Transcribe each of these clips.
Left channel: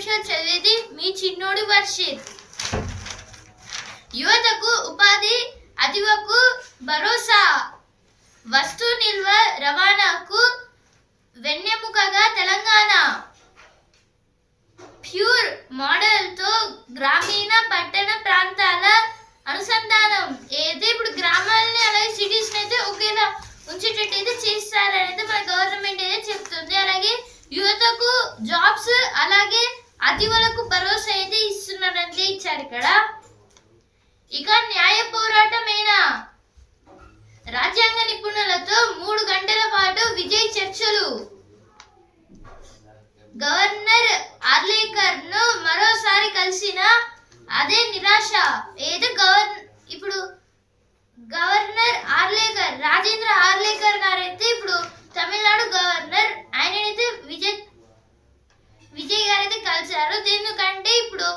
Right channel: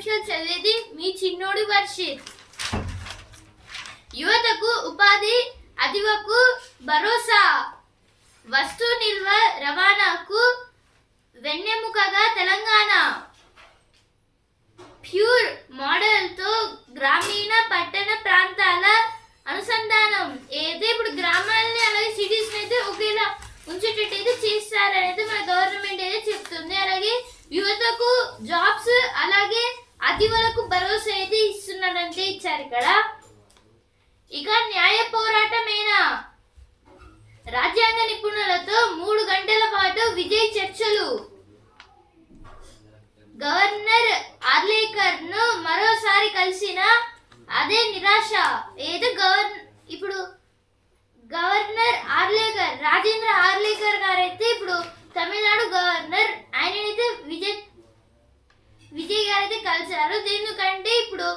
నిమిషాలు చదివేది మీ చిన్నోడి వర్షిత్. యువతకు ఉపాధి, అదివకు భరోసా, వస్తు నిల్వ రవాణాకు వెన్నెముకగా తెలంగాణ. ప్యూర్ మోడల్తో గ్రామీణ పట్టణ ప్రాంతాల అనుసంధానం. ఏదైతే ఇప్పుడు గ్రామాలని అలాగే సిటీస్ని అయితే ఒకేలా ఉంచేటట్టు అయితే చేస్తారనేది మన గవర్నమెంట్ అయితే చెప్తుంది. అలాగే యువతకు జాబ్స్, అలాగే అతివలకు భరోసా అయితే ఇస్తున్నారంటే ఇచ్చారు ఇక్కడ. ఇక న్యాయ పోరాటమేనా, రాజ్యాంగ నిపుణులతో 3 గంటల పాటు విజయ్ చర్చలు. గవర్నర్ ఆర్లేకర్ ను మరోసారి కలిసిన అదే నిరాశ. ఏదో ఇప్పుడు గవర్నర్ ఆర్లేకర్, రాజేంద్ర ఆర్లేకర్ గారైతే ఇప్పుడు తమిళనాడు గవర్నర్, ఆయనైతే విజయ్ గారైతే కలిశారు. ఎందుకంటే ఇప్పుడు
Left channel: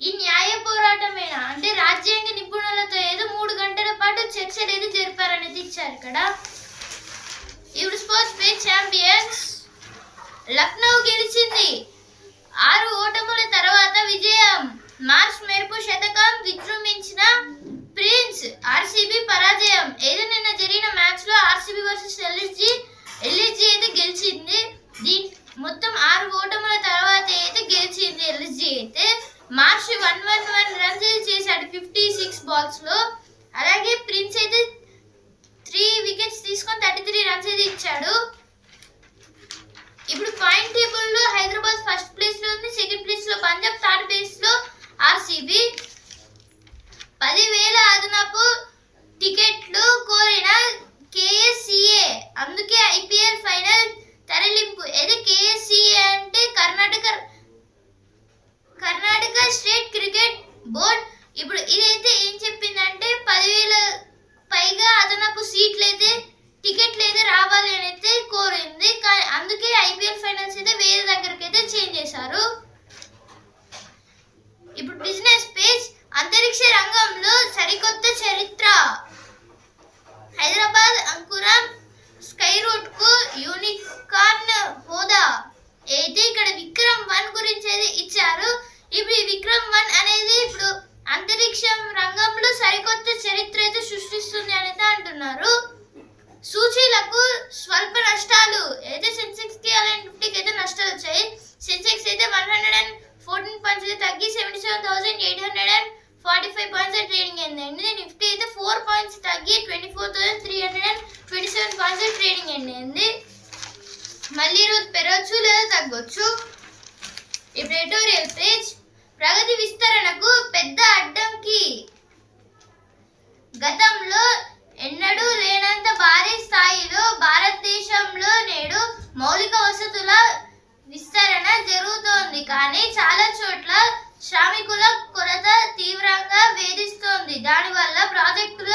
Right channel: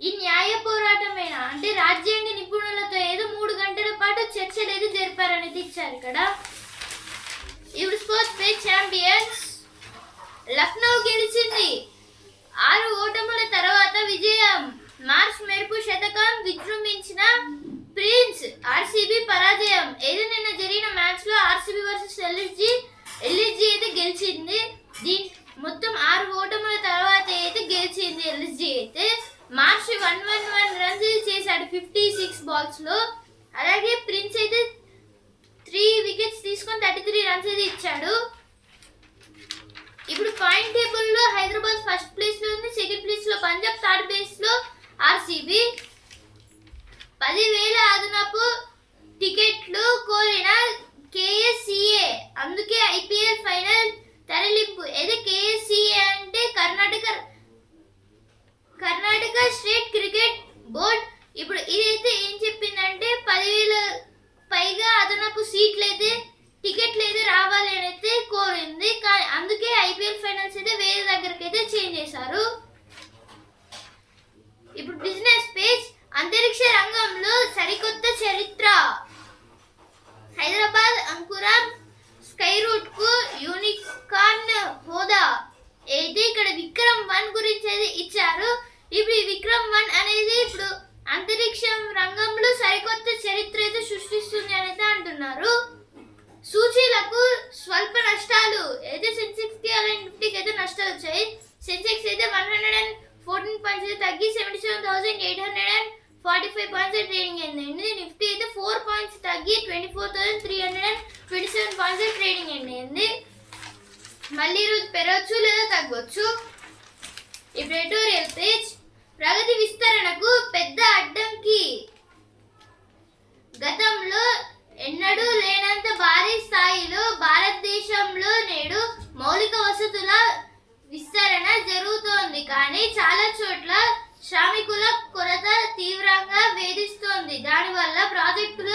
ఈ న్యాయ పోరాటమేనా అంటే రాజ్యాంగ నిపుణులతో ఏదో 3 గంటల పాటు చర్చలు ఏదో జరిపారనేది ఇచ్చారు ఇక్కడ. ఇప్పుడు స్పోర్ట్స్ పేజ్ ఛాంపియన్స్. లక్నో గెలిచింది, 6 ఓటముల తర్వాత విజయం. మార్చ్ మెరుపు శతకం విజృంభించిన ప్రిన్స్. ఆర్సీబీ పరాజయం. ఏదో నిన్న జరిగిన మ్యాచ్ లో ఆర్సీబీ వర్సెస్ ఎల్ఎస్జీ అయితే గెలిచింది. మొత్తం 6 ఓటముల తర్వాత అయితే గెలిచింది ఎల్ఎస్జీ అయితే. మార్చ్ 111 రన్స్ చేశాడు 56 బాల్స్ లో. అలాగే ప్రిన్స్ అయితే 3 వికెట్స్ తీసుకొని 33 రన్స్ అయితే ఇచ్చాడు. ఇప్పుడు పాయింట్ టేబుల్ లో హైదరాబాద్ ఫస్ట్ ప్లేస్ లో ఉంది, సెకండ్ ప్లేస్ లో పంజాబ్, థర్డ్ ప్లేస్ లో ఆర్సీబీ. 10,000 అదనపు టికెట్లు కోరిన కేఎస్సిఏ, అందుకే ఐపీఎల్ ఫైనల్ తరలింపు. ఏదో కేఎస్సిఏ అంటే కర్ణాటక స్టేట్ క్రికెట్ బోర్డ్. ఇప్పుడు ఇదైతే ఏం చెప్పిందంటే 10,000 పైగా అదనపు టికెట్లు అయితే రావాలి అని అయితే కోరింది. కానీ అందుకే ఐపీఎల్ ఫైనల్స్ అయితే వేరే దగ్గరికి అయితే చేంజ్ చేశారు. ఇప్పుడు బిజినెస్ పేజ్. అంతరిక్ష రంగంలో సరికొత్త చరిత్ర. హైదరాబాద్ అంకురం స్కై రూట్ కు యూనికార్న్ హోదా. అయితే ఇక్కడ విక్రమ్ 1 గురించి అయితే ఇచ్చారు. ఇప్పుడు ఈ విక్రమ్ 1 అనేది ఇప్పుడు అంతరిక్షం రంగంలో సరికొత్త చరిత్ర అయితే సృష్టిస్తుంది అని అయితే అంటున్నారు. సూచీలకు స్వల్ప నష్టాలు. అయితే సెన్సెక్స్ కి అలాగే నిఫ్టీకి అయితే నష్టాలు వచ్చాయి. సెన్సెక్స్ అయితే 114 పాయింట్స్ తగ్గి 77,845 పాయింట్స్ ట్రేడింగ్ అయింది. నిఫ్టీ అయితే 4 పాయింట్స్ తగ్గి 24,327 పాయింట్స్ ట్రేడింగ్ అయింది. మళ్ళీ ఈరోజు పెరగచ్చు లేదా తగ్గొచ్చు. ఇప్పుడు ఎడిటోరియల్ పేజ్. ప్రగతి విస్తరణకు పెద్ద అడ్డంకి. గతంలో ఎన్నడూ లేనంత భారీ స్థాయిలో భారతదేశంలో నేడు మౌలిక వసతుల విస్తరణ జరుగుతోంది. కానీ చాలా చోట్ల శ్రామికుల కొరత తీవ్రంగా వేధిస్తోంది. దానివల్ల ప్రాజెక్టుల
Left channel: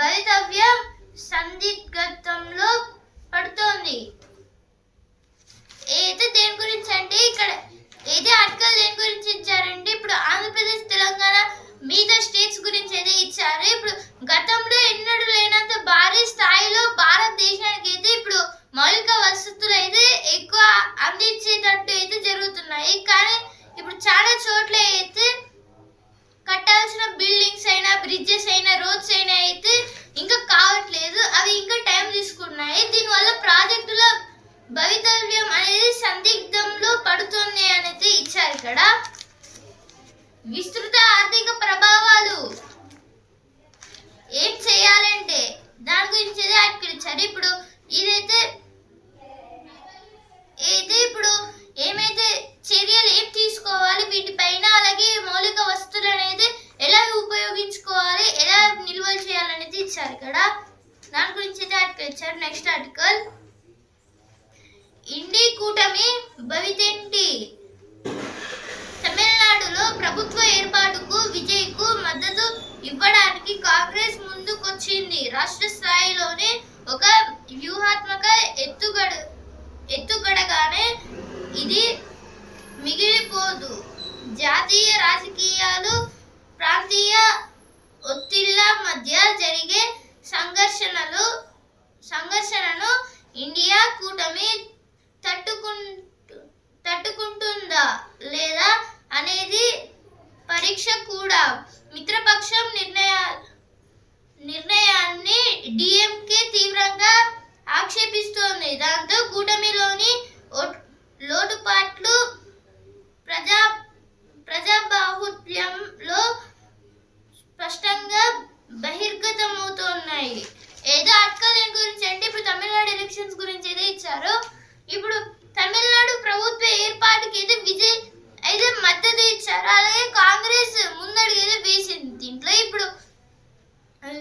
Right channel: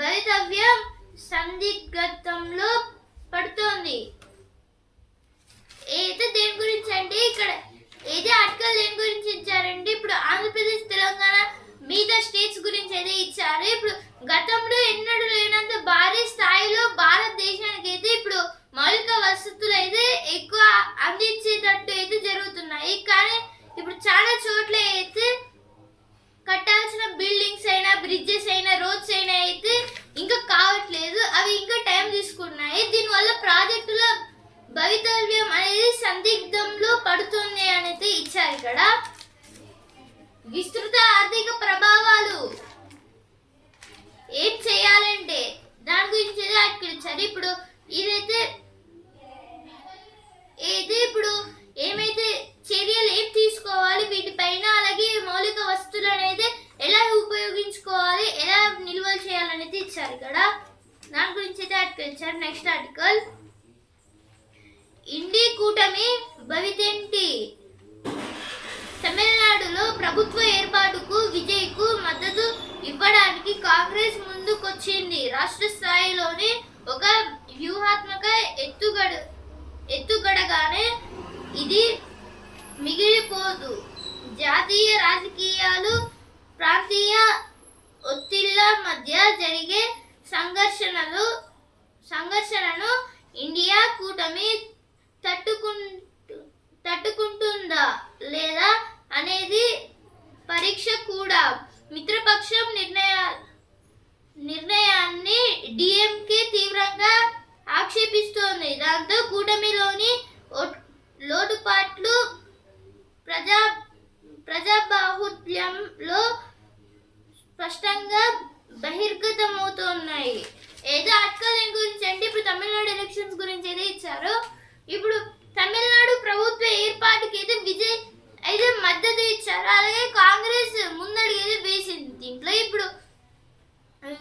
భవితవ్యం సందిగ్ధంలో పడుతోంది. అయితే దేని గురించి అంటే ఇక్కడ ఏదే ఆర్టికల్ దేని గురించి ఇచ్చారంటే ఇప్పుడు ఆంధ్రప్రదేశ్, తెలంగాణ మిగతా స్టేట్స్ గురించి అయితే ఇచ్చారు. ఇప్పుడు గతంలో ఎన్నడూ లేనంత భారీ స్థాయిలో భారతదేశానికి అయితే ఇప్పుడు మౌలిక వసతులు అయితే ఎక్కువ అందించేటట్టు అయితే జరుగుతున్నాయి. కానీ ఇప్పుడు చాలా చోట్ల అయితే కట్టాల్సిన బిల్డింగ్స్ అయినా, బ్రిడ్జెస్ అయినా, రోడ్స్ అయినా అయితే ఇంకా కావట్లేదు. అవి ఇంకా టైం తీసుకున్నాయి. దీనివల్ల ప్రాజెక్టుల భవితవ్యం అనేది సందిగ్ధంలో పడుతుంది అని అయితే ఇచ్చారు ఇక్కడ. విస్తృత ఆర్థిక ప్రభావాలు. ఏం చేయాలంటే దాని గురించి ఆర్టికల్ ఇచ్చారు. ఇప్పుడు ఇదైతే ఇప్పుడు ఏమైతే చర్యలు ఏం తీసుకోవాలి వీటిపైన, అలాగే మౌలిక వస్తువులు అనేది ఎలా ఉపయోగించుకోవాలి, ఎలా నిల్వలు చేయాలనేది ఇచ్చారు ఇక్కడ. దాని గురించి అయితే ఆర్టికల్ ఇచ్చారు. Next article. ఇండి కూటమి భవితేంటి. తమిళనాడులో ప్రభుత్వ ఏర్పాటుకు విజయ్కు మద్దతు ఇవ్వడానికి కాంగ్రెస్ ముందుకొచ్చింది. రాష్ట్ర స్థాయిలోనే ఒక వ్యూహాత్మక ఎత్తుగడగానే ఇది మిగిలిపోదు. జాతీయ రాజకీయాలు, ప్రాంతీయ ఒత్తిళ్ల మధ్య జరిగే సంఘర్షణను ఇండియా కూటమి తట్టుకుంటూ లేదా అనేది పరీక్ష కూడా. మిత్రపక్షం నిర్ణయాన్ని డిఎంకే తీవ్రంగా ఆక్షేపిస్తోంది. దాంతో కూటమిలోని లోటుపాట్లు ప్రజాబాహుల్యంలో స్పష్టంగా బహిర్గతమవుతున్నాయి. ఏదో ఆర్టికల్ దేని గురించి అంటే ఇప్పుడు తమిళనాడు ఎలక్షన్స్ గురించి అయితే ఇచ్చారు. ఇప్పుడు తమిళనాడు ప్రభుత్వ ఏర్పాటుకి అయితే విజయ్ అయితే మద్దతు ఇచ్చారు. అలాగే కాంగ్రెస్ ముందడుగు అయితే వేసింది. దీంట్లో ఇప్పుడు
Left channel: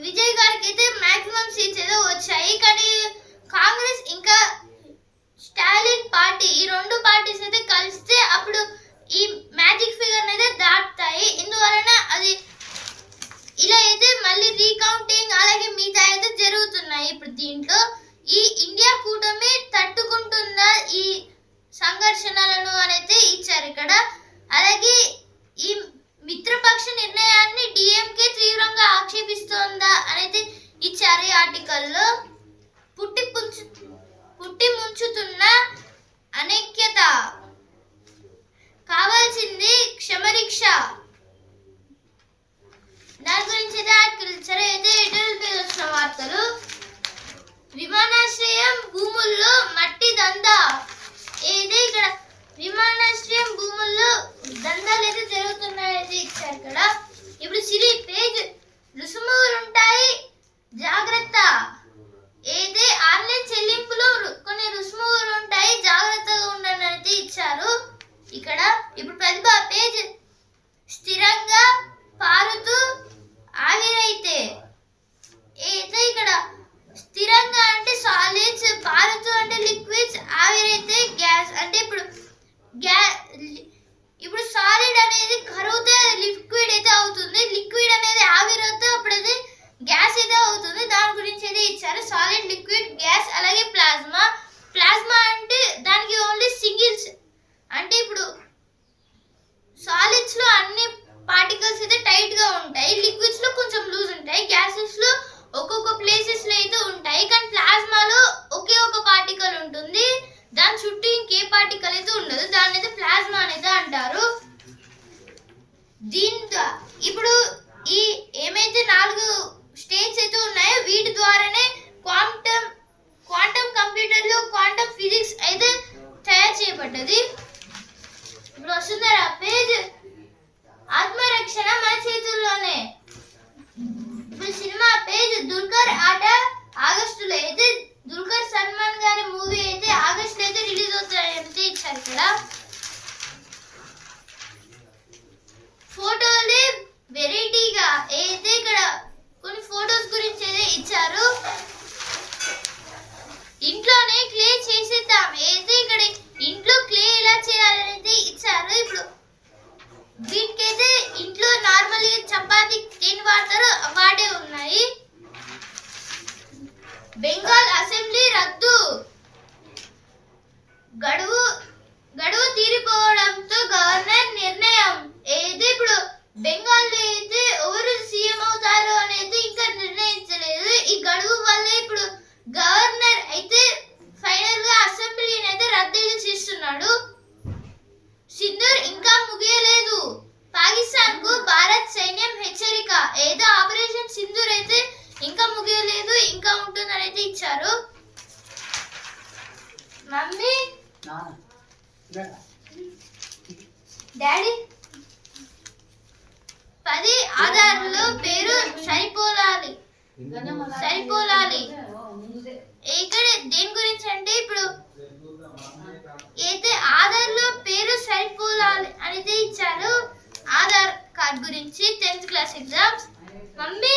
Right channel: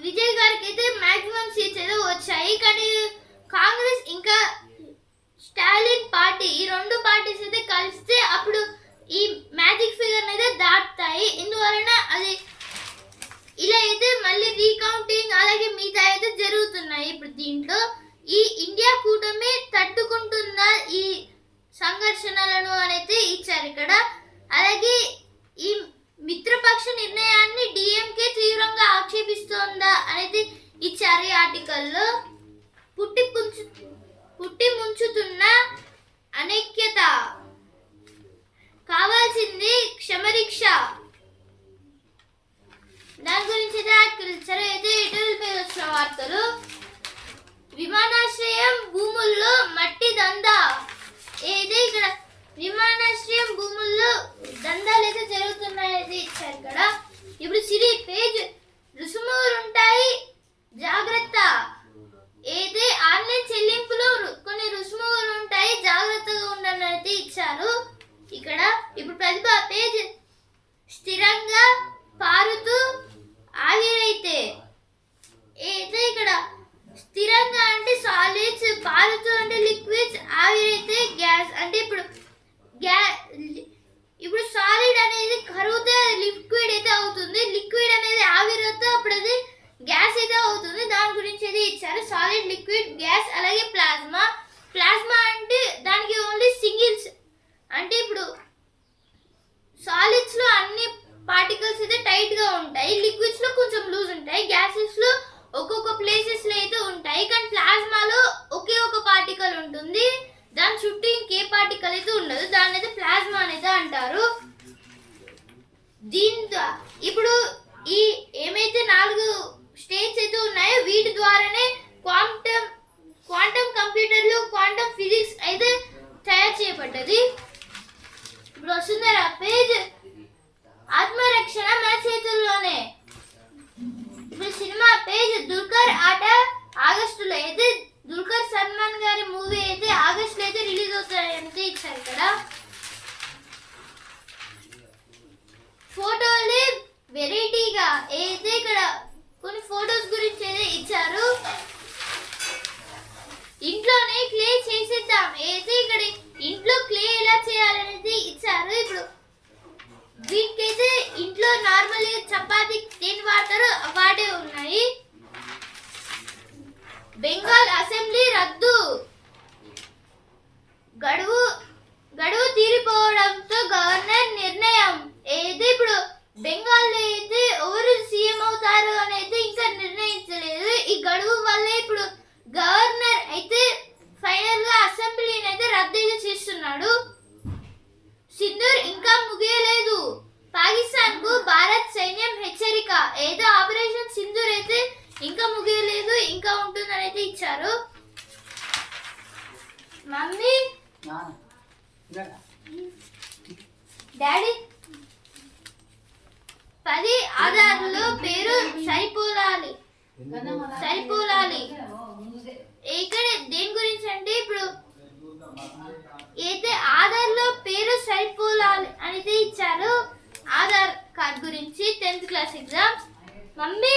విజయ్ గారికి అయితే మాక్సిమం సీట్స్ ఏదో వచ్చాయి. కానీ కాంగ్రెస్ ఇంకా స్టాలిన్ పార్టీ ఈ రెండు పార్టీస్ అయితే కలిస్తే అప్పుడు ఈ మ్యాజిక్ ఫిగర్ అయితే దాటుతాయి. ఇందువలన అది ఇలా అయితే మళ్ళీ రీకౌంటింగ్ అలాగే మిగతా అయితే జరుగుతున్నాయి. ఇప్పుడు దీంట్లో ఈ ఇండియా కూటమి తట్టుకుంటుందా ఈ సంఘర్షణలను అనేది ఇచ్చారు ఇక్కడ. అలాగే ఈ మిత్రపక్ష నిర్ణయాన్ని డిఎంకే తీవ్రంగా ఆక్షేపిస్తోందా అనేది ఇచ్చారు ఈ ఆర్టికల్లో. పుట్టి ముంచుతున్న అనైక్యత కావాల్సింది క్షమరీక్ష. దాని గురించి అయితే ఆర్టికల్ ఇచ్చారు. అయితే ఎడిటోరియల్ పేజ్ వచ్చిన వార్తలు. విమానాశ్రయం భూముల్లో మట్టి దందా. ఏది ఇక్కడ విమానాశ్రయం భూముల్లో దందాలు అయితే జరుగుతున్నాయి ఇచ్చారు ఇక్కడ. ఇప్పుడు సిరి పేజ్ రుసుములు ఉంటాయి జాగ్రత్త. ఏది ఆన్లైన్ చెల్లింపులో కొన్ని రుసుములు ఉంటాయి జాగ్రత్తగా ఉండండి అయితే ఇచ్చారు ఇక్కడ. ఇప్పుడు ప్రతిభ పేజ్ స్థిరంగా పారుతూ ఆవిరైతే. అయితే ఇక్కడ స్థిరంగా అంటే సాలిడ్స్, పారుతూ అంటే లిక్విడ్స్, ఆవిరైతే గ్యాస్. అంటే ఇప్పుడు సాలిడ్ అనేది కరుగుతే లిక్విడ్ అయితే అవుతుంది. లిక్విడ్ అనేది ఆవిరైతే అప్పుడు అది గ్యాస్ అయితే అవుతుంది. దాని గురించి అయితే ఇచ్చారు. సాలిడ్, లిక్విడ్, గ్యాస్ అలాగే ప్లాస్మా. ప్లాస్మా అంటే దానికి ఓన్లీ సింగిల్స్. అంటే ఇప్పుడు సాలిడ్స్ లో అన్ని పార్టికల్స్ అయితే టైట్ గా ఉంటాయి. లిక్విడ్స్ లో కొంచెం లూజ్ ఉంటాయి. గ్యాసెస్ లో ఒక్కొక్క ప్లేసెస్ లో అయితే ఉంటాయి. కానీ ప్లాస్మాలో ఒకే ఒక పార్టికల్ ఉంటుంది. దాని చుట్టూ ఇంకే పార్టికల్ అయితే ఉండదు. దాన్ని అయితే ప్లాస్మా అనేది అంటారు. దీంతో ఇప్పుడు ఈ ఏమైతే 4 స్టేట్స్ అయితే ఉన్నాయో వీటి ద్వారానే క్వాంటమ్ కంప్యూటర్లు, క్వాంటమ్ ఫిజిక్స్ అయితే తయారు చేయబడ్డది. ఇప్పుడు వస్తున్నారా పేజ్ ఆత్మరక్షణ మన చేతుల్లోనే. ఇప్పుడు సినిమా పేజ్ దుల్కర్ ఆట ఆగస్టులో అయితే దుల్కర్ సల్మాన్ గారి మూవీ అయితే ఆగస్టులో అయితే రిలీజ్ అవుతాయని ఇచ్చారు ఇక్కడ. ఫోటోలు వెరైటీగా అయితే ఇక్కడ కొన్ని ఫోటోస్ గురించి అయితే ఇచ్చారు. ఇంట్లోనే క్లే చేసేద్దాం. అయితే ఇక్కడ ఇంట్లో క్లే ఎలా చేయాలనేది ఇచ్చారు. ఇప్పుడు వీటికైతే ఇంట్లో నార్మల్ చపాతీ దేని వాడతారో వాడే ఉన్నాయి. బెంగాల్ అసెంబ్లీ రద్దు. గడువు తీరిపోవడంతో గవర్నర్ నిర్ణయం. అయితే ఇప్పుడు బెంగాల్లో అయితే ఎవరు సీఎం అవుతారో అనేది ఇంకా నిర్ణయించలేదు. ఈ గడువు వల్ల ఇప్పుడు గవర్నర్ అయితే ఫైనల్ గా అసెంబ్లీని అయితే రద్దు చేస్తున్నాడు. సింధూర్ ఇంకా ముగియలేదు. పాకిస్తాన్ కు భారత్ సైన్యం హెచ్చరిక. ఏదో ఆపరేషన్ సింధూర్ అయితే ఇంకా ముగియలేదు, ఇంకా ఉంటుందని అయితే ఇచ్చారు. మమ్మీ డాడీ 10 ఆధార్లో పేరు సరిపోలాలి. ఇక్కడ దేని గురించి అంటే ఇప్పుడు అయితే ఆధార్లో పేరు సరిపోలాలి అనేది ఇచ్చారు. ఆధార్ కార్డ్ గురించి 10th క్లాస్ ఎగ్జామ్స్. మమ్మీ